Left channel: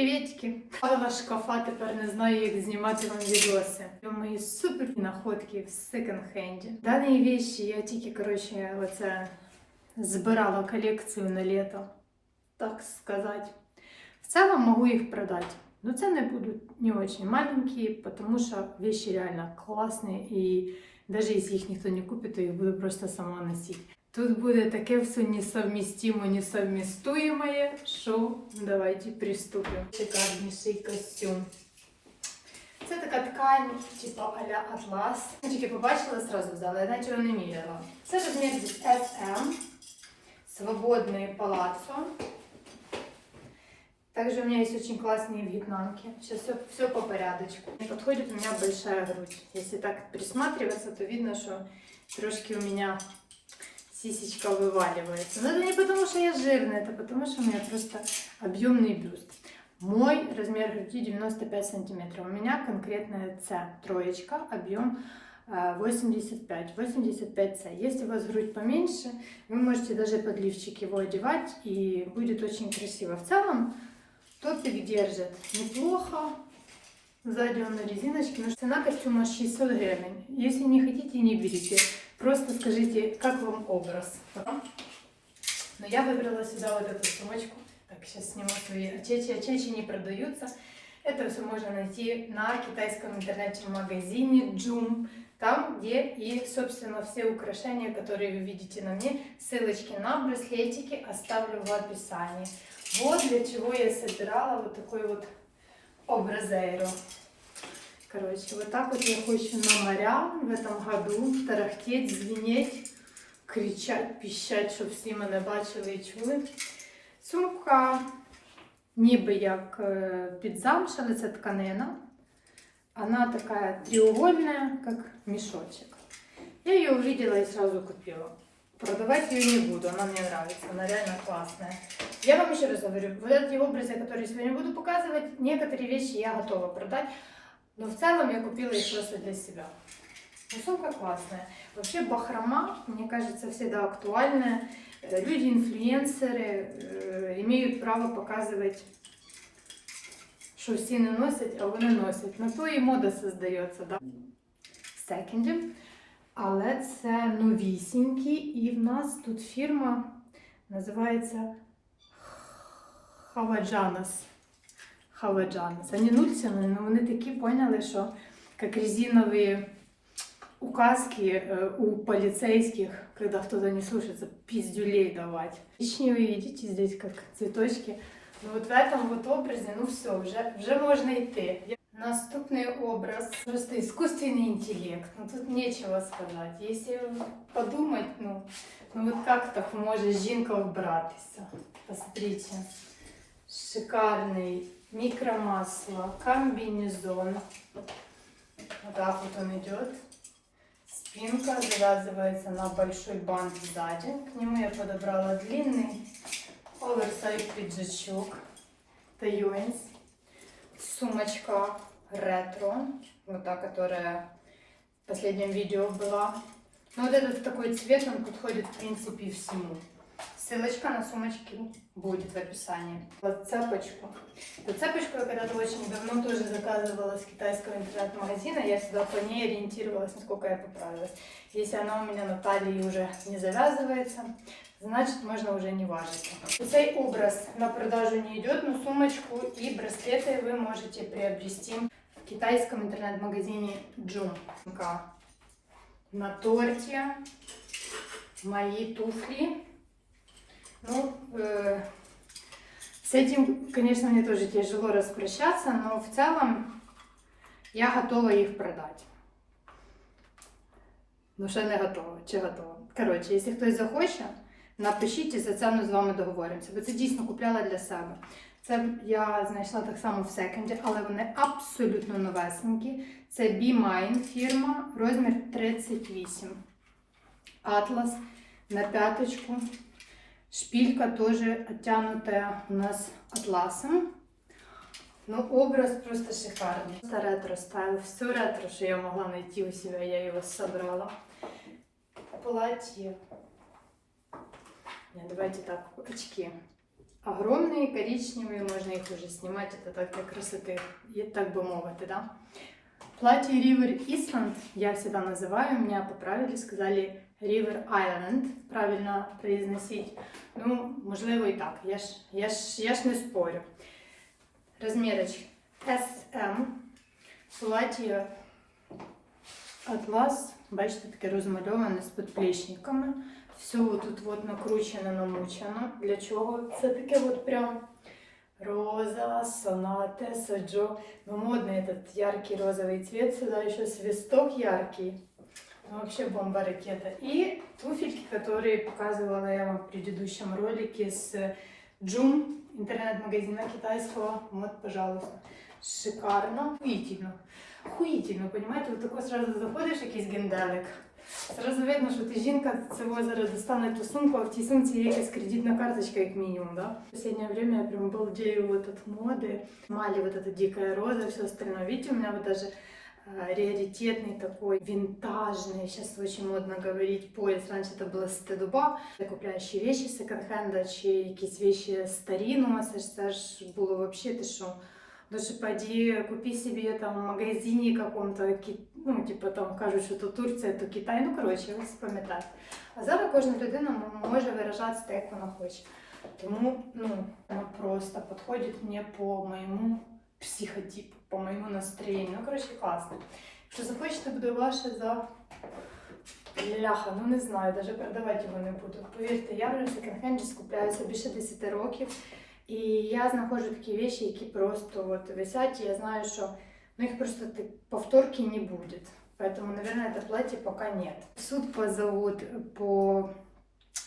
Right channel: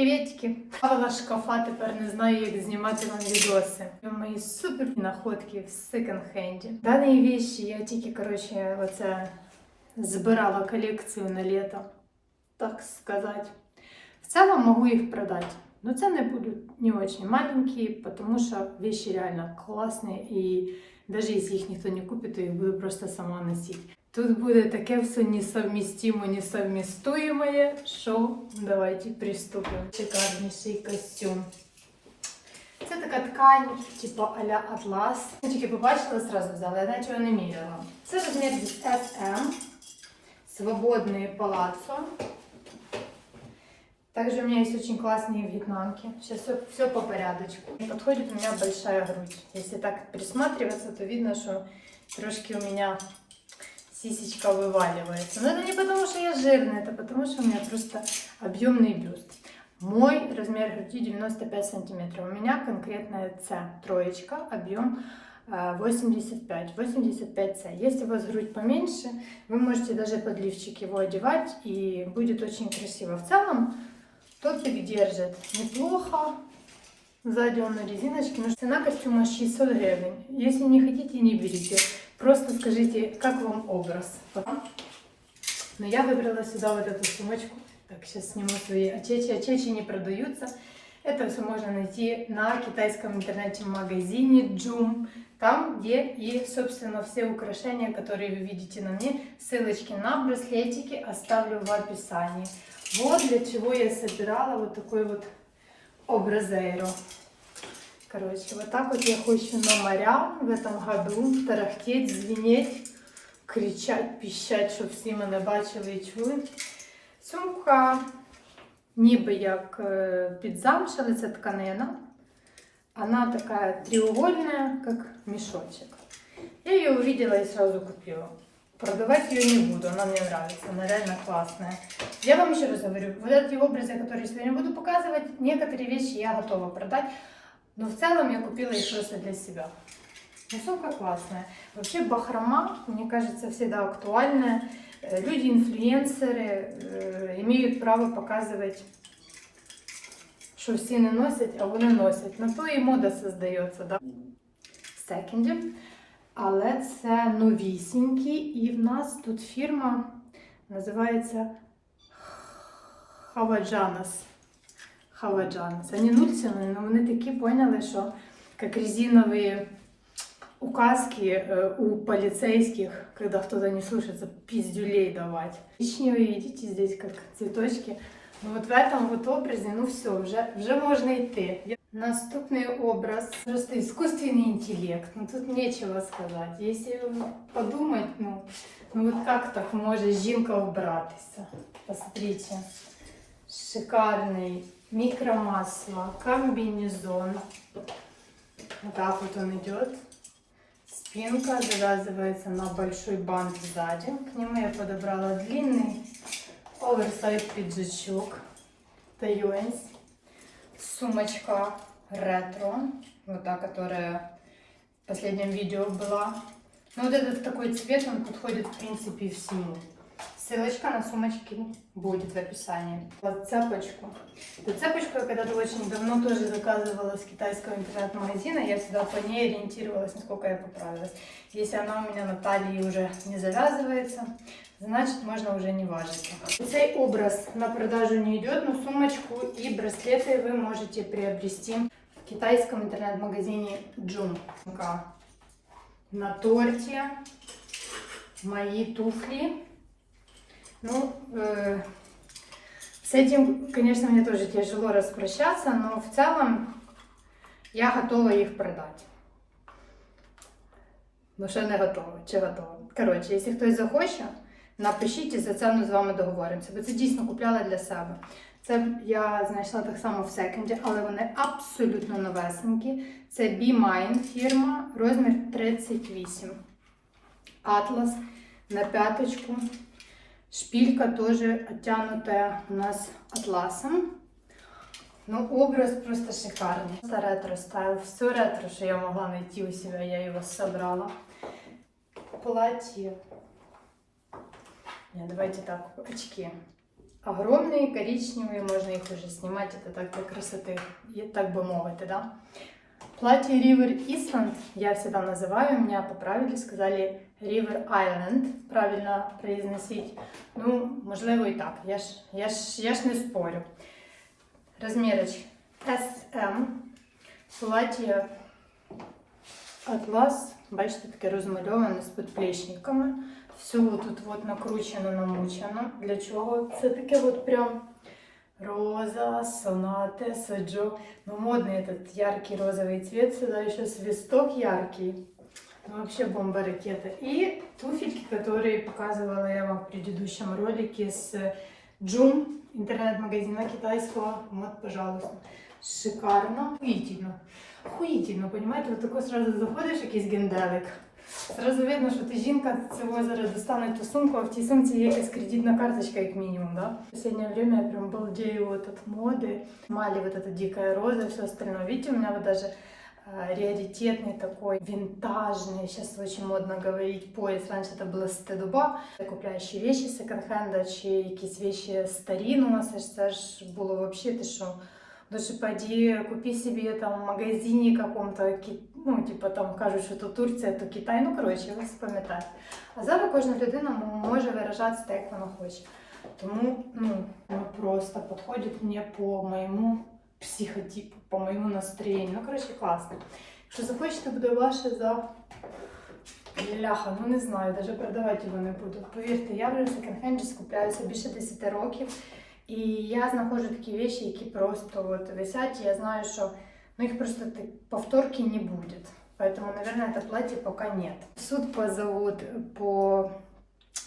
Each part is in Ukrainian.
Привітки! Павла шкафа тепер не знаю, як знімати вам відоси. Мої супер находки в секонд-хенді. Дані вещи я тільки, коротше, оце збирала колекцію на літо, так сказати. В цілому можу їх продати. Но це не будуть не очень маленькі, тому що вещи реально класні і навіть якщо їх ніхто не купить, то їх буду просто сама носити. Тут буде таке все несовмістимо, несовмістуєме, що давайте приступимо. Шикарніший костюм. Це така ткань, типу а-ля атлас. Я тільки побачила, зразу взяла, я наче не міряла. Це розмір від SM, свободний палацо. Также у меня есть очень классные вьетнамки. Сейчас все, все по порядочку. Подходит у меня большая грудь. Если так присматриваться, то видно, что трошки у меня сисечка вываливается. Но это не потому, что я жирная, это потому, что у меня просто объемный бюст. Мой размер груди 95 сантиметров. У меня конкретная С, троечка, объем э, 85, 85С. Если у вас грудь поменьше, вы можете даже подливчик его одевать, и будет очень красиво. В целом, топик держит неплохо. Сзади он на резиночке. Но цена костюма 600 гривен. Если не хотите, не берите. Просто скажите, как вам образ. Но я выбрала сюда вот эту сумочку. Так, сейчас сниму свои очечи. Очечи не продаются. Это все можно найти на китайском интернете-магазине Joom. Там, где и, собственно, все украшения, которые вы видите на мне. Ссылочки на браслетики оставлю в описании. Вот для чего я собирала вот такой вот образейро. Короче, вот так вот я хочу на моря в этом году тарахтеть, звенеть, кричать, піщать, щоб всі мене бачили і чули. Сумка ніби як е, під замш, але це тканина. Она такая треугольная, как мешочек. Я ее увидела и сразу купила. Продавать ее не буду, она мне нравится, она реально классная. Я вам еще раз говорю, вот эти образы, которые я сегодня буду показывать, некоторые вещи я готова продать, но в целом я купила их просто для себя. Ну, сумка классная. Вообще бахрома, мне кажется, всегда актуальная. Э, Люди, инфлюенсеры э, имеют право показывать, що всі не носять, а вони носять. На то і мода создається, да? Секінді. Але це новісінькі, і в нас тут фірма називається Хаваджанас. Хаваджанас. Вони нульцями, але вони такі поняли, що як резинові указки э, у полицейских, когда кто-то не слушается, пиздюлей давать. Коричневые, видите, здесь как цветочки. Ну вот в этом вот образе, ну все, уже, уже можно идти. Наступний образ. Просто искусственный интеллект. Ну тут нечего сказать. Если подумать, ну, ну вот как так може жінка вбратися? Посмотрите. Шикарный микромасло, комбинезон. Вот так вот он идет. Спинка завязывается на большой бант сзади. К нему я подобрала длинный оверсайз пиджачок. Таюэнс. Сумочка ретро. Вот та, которая в последнем видео была. Но вот этот такой цвет, он подходит в принципе всему. Ссылочка на сумочки будет в описании. Вот цепочку. Эту цепочку я когда-то очень давно тоже заказывала с китайского интернет-магазина. Я сюда по ней ориентировалась, насколько я поправилась. Если она у меня на талии уже не завязывается, значит можно уже не важить. Цей образ на продажу не идет, но сумочку и браслеты вы можете приобрести в китайском интернет-магазине Joom. На торте мои туфли. Ну, э, с этим, конечно, мне тоже тяжело распрощаться, но в целом я готова их продать. Ну, ще не готова, чи готова. Коротше, якщо хтось захоче, напишіть, і за ціну з вами договоримося, бо це дійсно купляла для себе. Це я знайшла так само в секонді, але вони абсолютно новесенькі. Це Be Mine фірма, розмір 38. Атлас на п'яточку. Шпилька тоже оттянутая у нас атласом. Ну, образ просто шикарный. Это ретро стайл. Все ретро, что я могла найти у себя, я его собрала. Платье. Не, давайте так, очки. огромные, коричневые, можно их уже снимать, это так для красоты, и так бы мовити, да. Платье River Island я всегда называю, меня поправили, сказали River Island, правильно произносить. Ну, можливо і так, я ж, я ж, я ж не спорю. Розмірочки SM, плаття Атлас, бачите, таке розмальоване з підплечниками. Все тут от накручено, намучено. Для чого? Це таке от прям роза, сонате, саджо. Ну, модный этот яркий розовый цвет. Сюда еще свисток яркий. Ну, вообще бомба ракета. И туфельки, которые показывала я вам в предыдущем ролике с Джум, интернет-магазина китайского. Вот, пожалуйста. Шикарно. Охуительно. Охуительно, понимаете? Вот такой сразу заходиш, якийсь генделик. Сразу видно, що ти жінка, цього зараз достане ту сумку, а в тій сумці є якась кредитна карточка, як мінімум, да? В последнее время я прям балдею вот от моды. Мали вот эта дикая роза и все остальное. Видите, у меня вот даже э, раритетный такой, винтажный, сейчас очень модно говорить, пояс. Раньше это было стедуба. Купляючи вещи з секонд-хенда чи якісь вещи старину, це ж, це ж було вообще, ти що, Лучше пойди купи себе там в магазині каком-то, ну, типу там кажуть, що то Турція, то Китай. Ну, коротше, ви. А зараз кожна людина може виражатися так, як вона хоче. Тому ну, вона просто підходить мені по моєму психотипу, по моєму настроєнню. Ну, коротше, класно. Якщо захочете, буде ваше за ляха, ну не знаю, навіть продавати його не буду. Повірте, я вже в секонд-хенді скупляюся більше 10 років. І я знаходжу такі речі, які просто от висять, і я знаю, що ну, их просто ты- повторки не будет. Поэтому, наверное, это платье пока нет. В суд позовут по...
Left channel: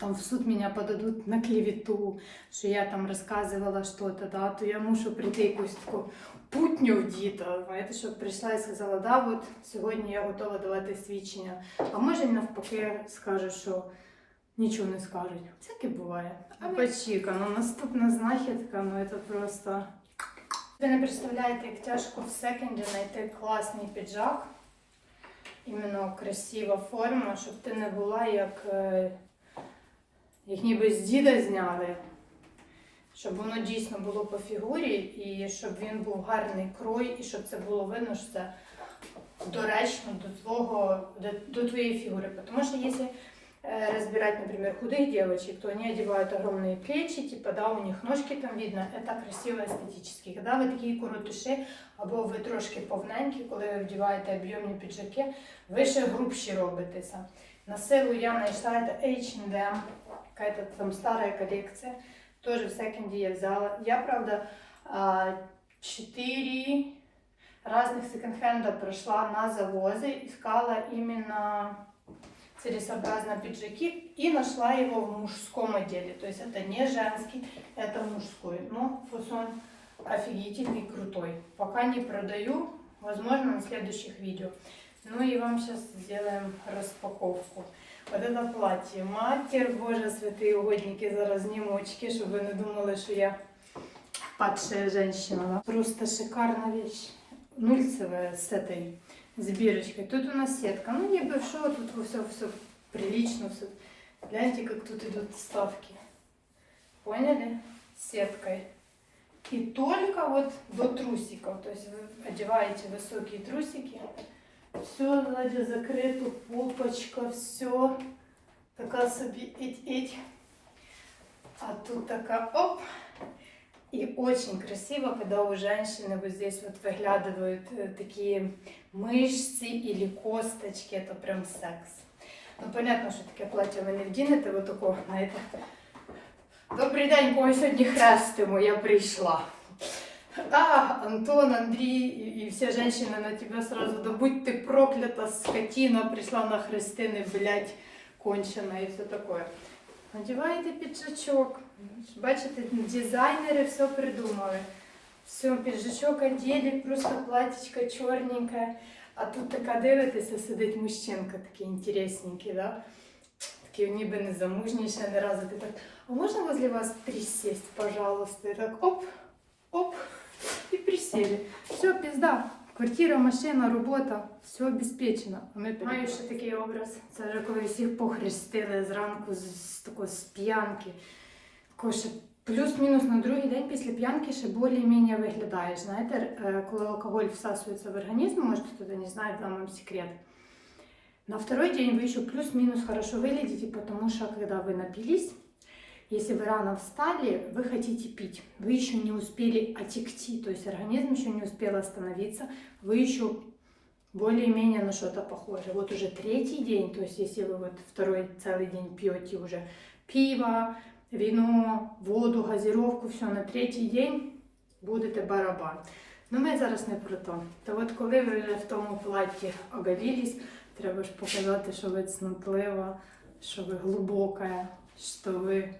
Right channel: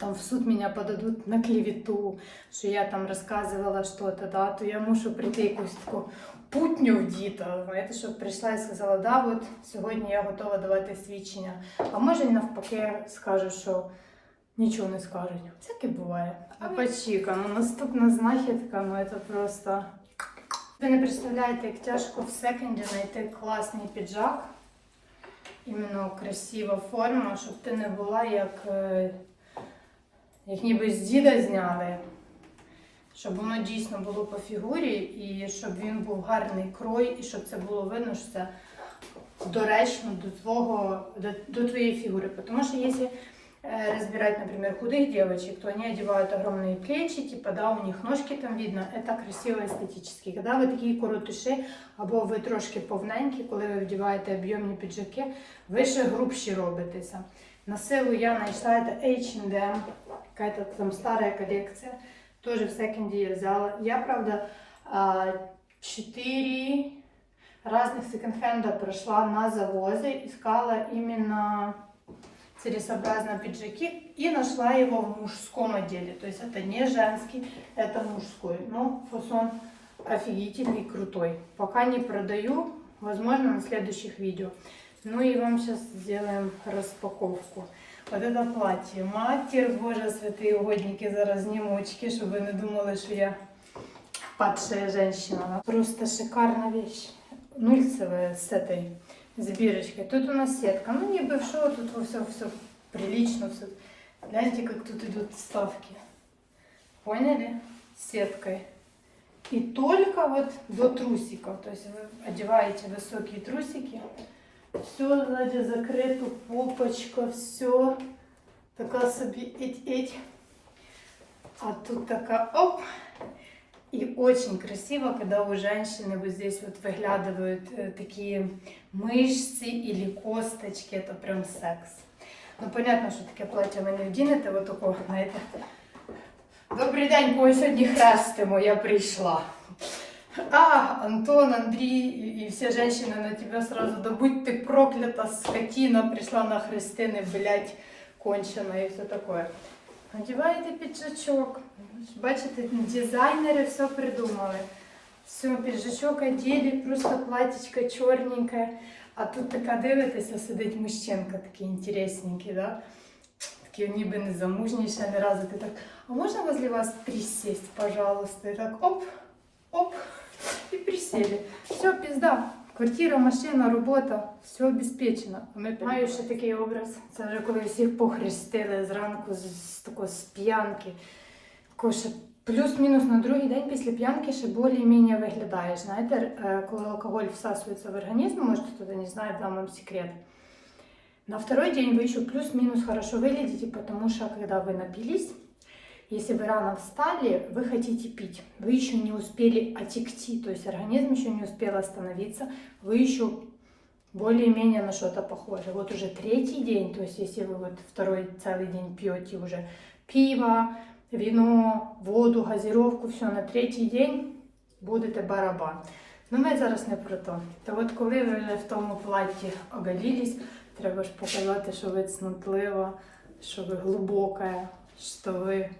Там в суд меня подадут на клевету, що я там розказувала что-то, да, то я мушу прийти якусь таку путню вдіта, знаєте, щоб прийшла і сказала, да, от сьогодні я готова давати свідчення. А може й навпаки скажу, що нічого не скажуть. Всяке буває. А пачіка, ну наступна знахідка, ну це просто. Ви не представляєте, як тяжко в секонді знайти класний піджак. Іменно красива форма, щоб ти не була як, е, як ніби з діда зняли. Щоб воно дійсно було по фігурі, і щоб він був гарний крой, і щоб це було видно, що це доречно до твого, до, до фигуры. Потому что если э, разбирать, например, худых девочек, то они одевают огромные плечи, типа, да, у них ножки там видно, это красиво естетически. Когда ви такі коротыші, або ви трошки повненькі, коли ви вдіваєте об'ємні піджаки, ви ще грубші робитеся. На силу я знайшла это H&M, какая-то там старая коллекция, тоже в секонде я взяла. Я, правда, а, 4 разных секонд-хенда прошла на завозы, искала именно целесообразно пиджаки и нашла его в мужском отделе. То есть это не женский, это мужской. Но фасон офигительный, крутой. Пока не продаю, возможно на следующих видео. Ну и вам сейчас сделаем распаковку. Вот это платье. Матір Божа, святые угодники, зараз очки, щоб ви не думали, що я падшая женщина. Просто шикарная вещь. Нульцевая с этой с бирочкой. Тут у нас сетка. Ну, не большого, тут все, все прилично. Все. Гляньте, как тут идут вставки. Поняли? Сеткой. И только вот до трусиков. То есть вы одеваете высокие трусики. Все сзади закрыто, попочка, все. Такая собі эть-эть. А тут такая оп. И очень красиво, когда у женщины вот здесь вот выглядывают э, такие мышцы или косточки. Это прям секс. Ну, понятно, що таке плаття ви не вдінете, ви такого, знаєте. Добрий день, кого сьогодні хрестимо, я прийшла. А, Антон, Андрій і, і всі жінки на тебе сразу, да будь ти проклята, скотина, прийшла на хрестини, блядь, кончена і все таке. Одіваєте піджачок. Бачите, дизайнери все придумали. Все, піджачок одели, просто платічка чорненьке. А тут така дивитеся, сидить мужчинка такий інтересненький, да? Такий ніби не замужній ще не разу. Ти так, а можна возле вас присесть, пожалуйста? І так оп, оп, і присели. Все, пізда. Квартира, машина, робота, все обезпечено. А ми маю ще такий образ. Це вже коли всіх похрестили зранку з, з такої з п'янки. Такого ще плюс-мінус на другий день після п'янки ще більш-менш виглядаєш. Знаєте, е, коли алкоголь всасується в організм, може хто-то не знає, дам вам секрет. На второй день вы еще плюс-минус хорошо выглядите, потому что когда вы напились, если вы рано встали, вы хотите пить. Вы еще не успели отекти, то есть организм еще не успел остановиться, вы еще более-менее на что-то похожи. Вот уже третий день, то есть если вы вот второй целый день пьете уже пиво, вино, воду, газировку, все на третій день будете барабан. Ну ми зараз не про то. То от коли ви вже в тому платі оголілись, треба ж показати, що ви цнотлива, що ви глибока, що ви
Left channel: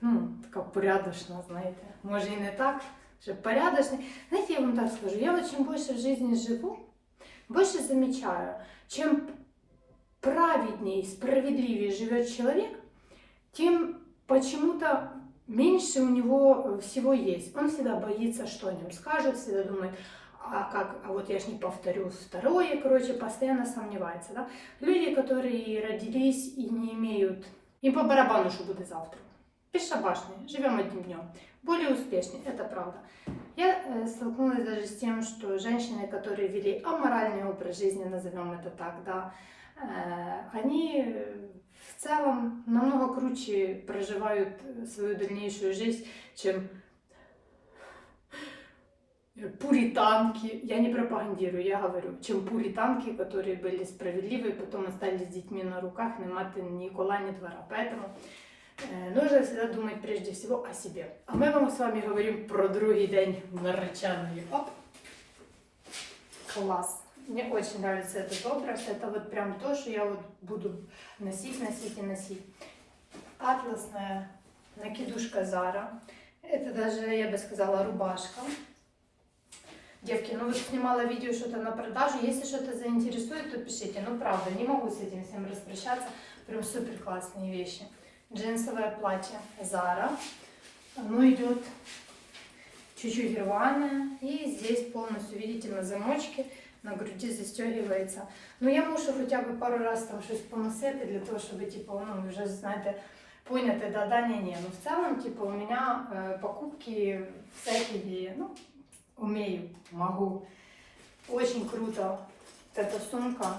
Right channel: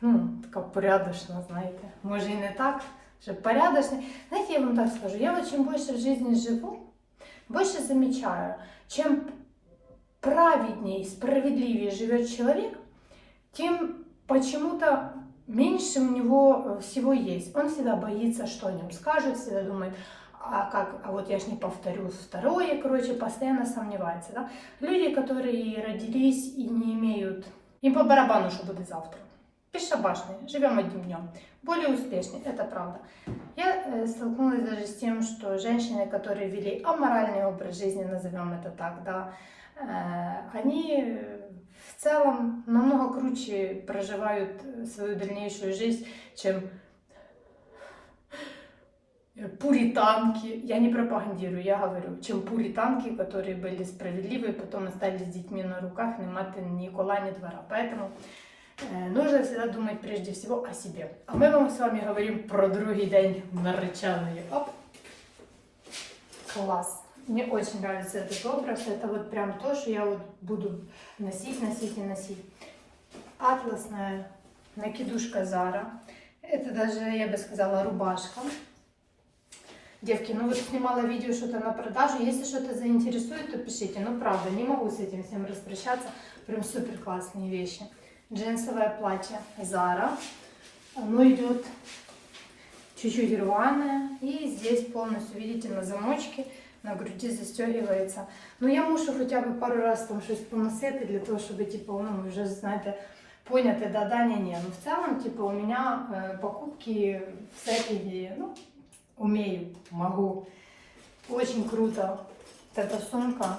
ну, така порядочна, знаєте. Може і не так, що порядочна. Знаете, я вам так скажу, я вот чем больше в жизни живу, больше замечаю, чем праведнее, справедливее живет человек, тем почему-то меньше у него всего есть. Он всегда боится, что о нем скажут, всегда думает, а как, а вот я ж не повторю второе, короче, постоянно сомневается, да. Люди, которые родились и не имеют, им по барабану, что будет завтра. Бесшабашные, живем одним днем. Более успешные, это правда. Я э, столкнулась даже с тем, что женщины, которые вели аморальный образ жизни, назовем это так, да, э, они э, в целом намного круче проживают э, свою дальнейшую жизнь, чем э, пуританки. Я не пропагандирую, я говорю, чем пуританки, которые были справедливы, потом остались с детьми на руках, не маты ни кола, ни двора. Поэтому э, нужно всегда думать прежде всего о себе. А мы вам с вами говорим про другий день наречаної. Оп. Класс. Мне очень нравится этот образ. Это вот прям то, что я вот буду носить, носить и носить. Атласная накидушка Зара. Это даже, я бы сказала, рубашка. Девки, ну вот снимала видео что-то на продажу. Если что-то заинтересует, то пишите. Ну правда, не могу с этим всем распрощаться. Прям супер классные вещи. Джинсовое платье Зара. Оно идет чуть-чуть рваное. И здесь полностью, видите, на замочке, на груди застегивается. Ну я мушу хоча б пару раз там щось поносити для того, щоб типу, ну, вже знаєте, поняти, да, да, ні, ні. Ну в целом, типу, у меня э, покупки всякие, ну, умею, могу. Очень круто. Вот эта сумка.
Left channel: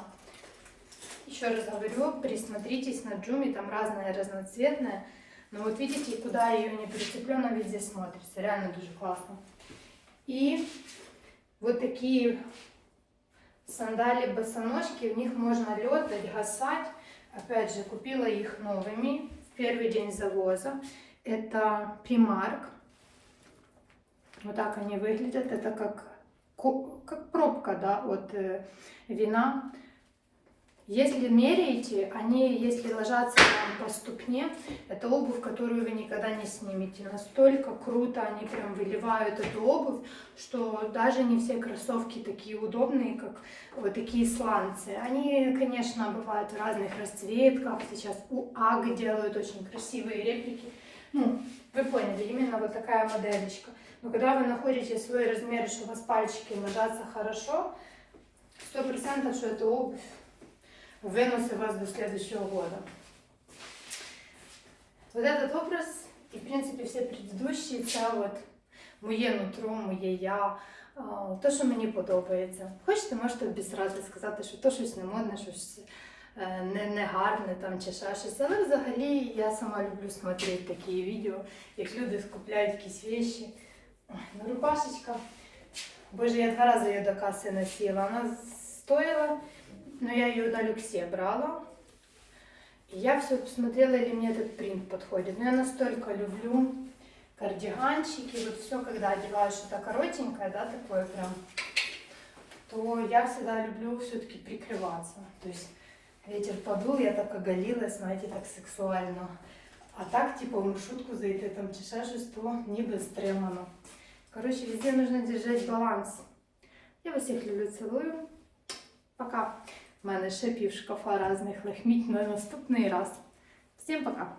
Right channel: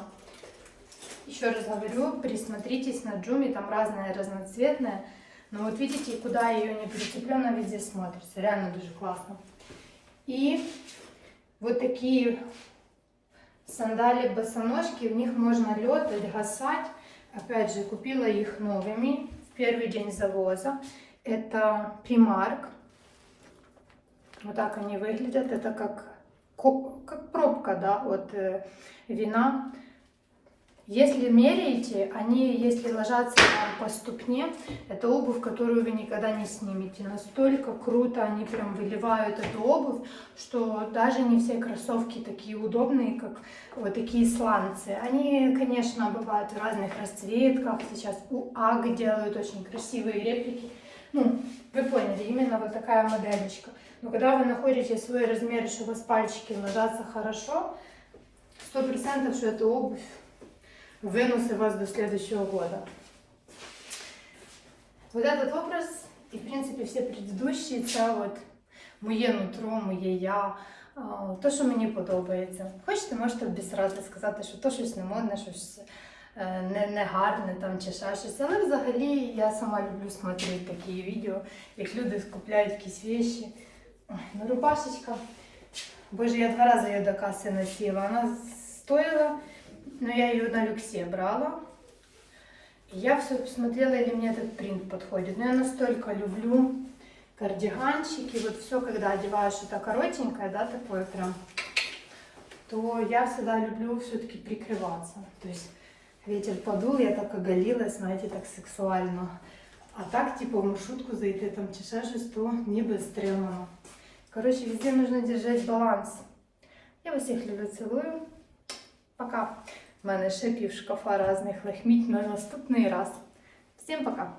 Еще раз говорю, присмотритесь на Джуми, там разная, разноцветная. Но вот видите, куда ее не прицеплю, она везде смотрится. Реально дуже классно. И вот такие сандали босоножки, в них можно лед гасать. Опять же, купила их новыми в первый день завоза. Это Primark. Вот так они выглядят. Это как, как пробка да, от э, вина. Если меряете, они, если ложатся вам по ступне, это обувь, которую вы никогда не снимете. Настолько круто они прям выливают эту обувь, что даже не все кроссовки такие удобные, как вот такие сланцы. Они, конечно, бывают в разных расцветках. Сейчас у АГ делают очень красивые реплики. Ну, вы поняли, именно вот такая модельчика. Но когда вы находите свой размер, что у вас пальчики ложатся хорошо, сто процентов, что это обувь выносит вас до следующего года. Вот этот образ и, в принципе, все предыдущие, це от моє нутро, моє я, а, то, що мені подобається. Хочете, можете обісрати, сказати, що то щось не модне, щось е, не, не гарне там чи ще щось. Але взагалі я сама люблю смотрети такі відео, як люди скупляють якісь вещи. Ой, Ну, рубашечка. Боже, я два рази її до каси носила. Вона стоїла, но я ее на люксе брала. И я все посмотрела, или мне этот принт подходит. Но я настолько люблю кардиганчики, вот все, когда одеваю что-то коротенькое, да, такое прям, то я всегда люблю все-таки прикрываться. То есть ветер подул, я так оголилась, знаете, так сексуально. А так, типа, в маршрутку зайти, там, чи ще щось, то ніби стримано. Короче, везде нужно держать баланс. Я вас всіх люблю, цілую. Пока. У мене ще пів шкафа різних лахміть на наступний раз. Всім пока!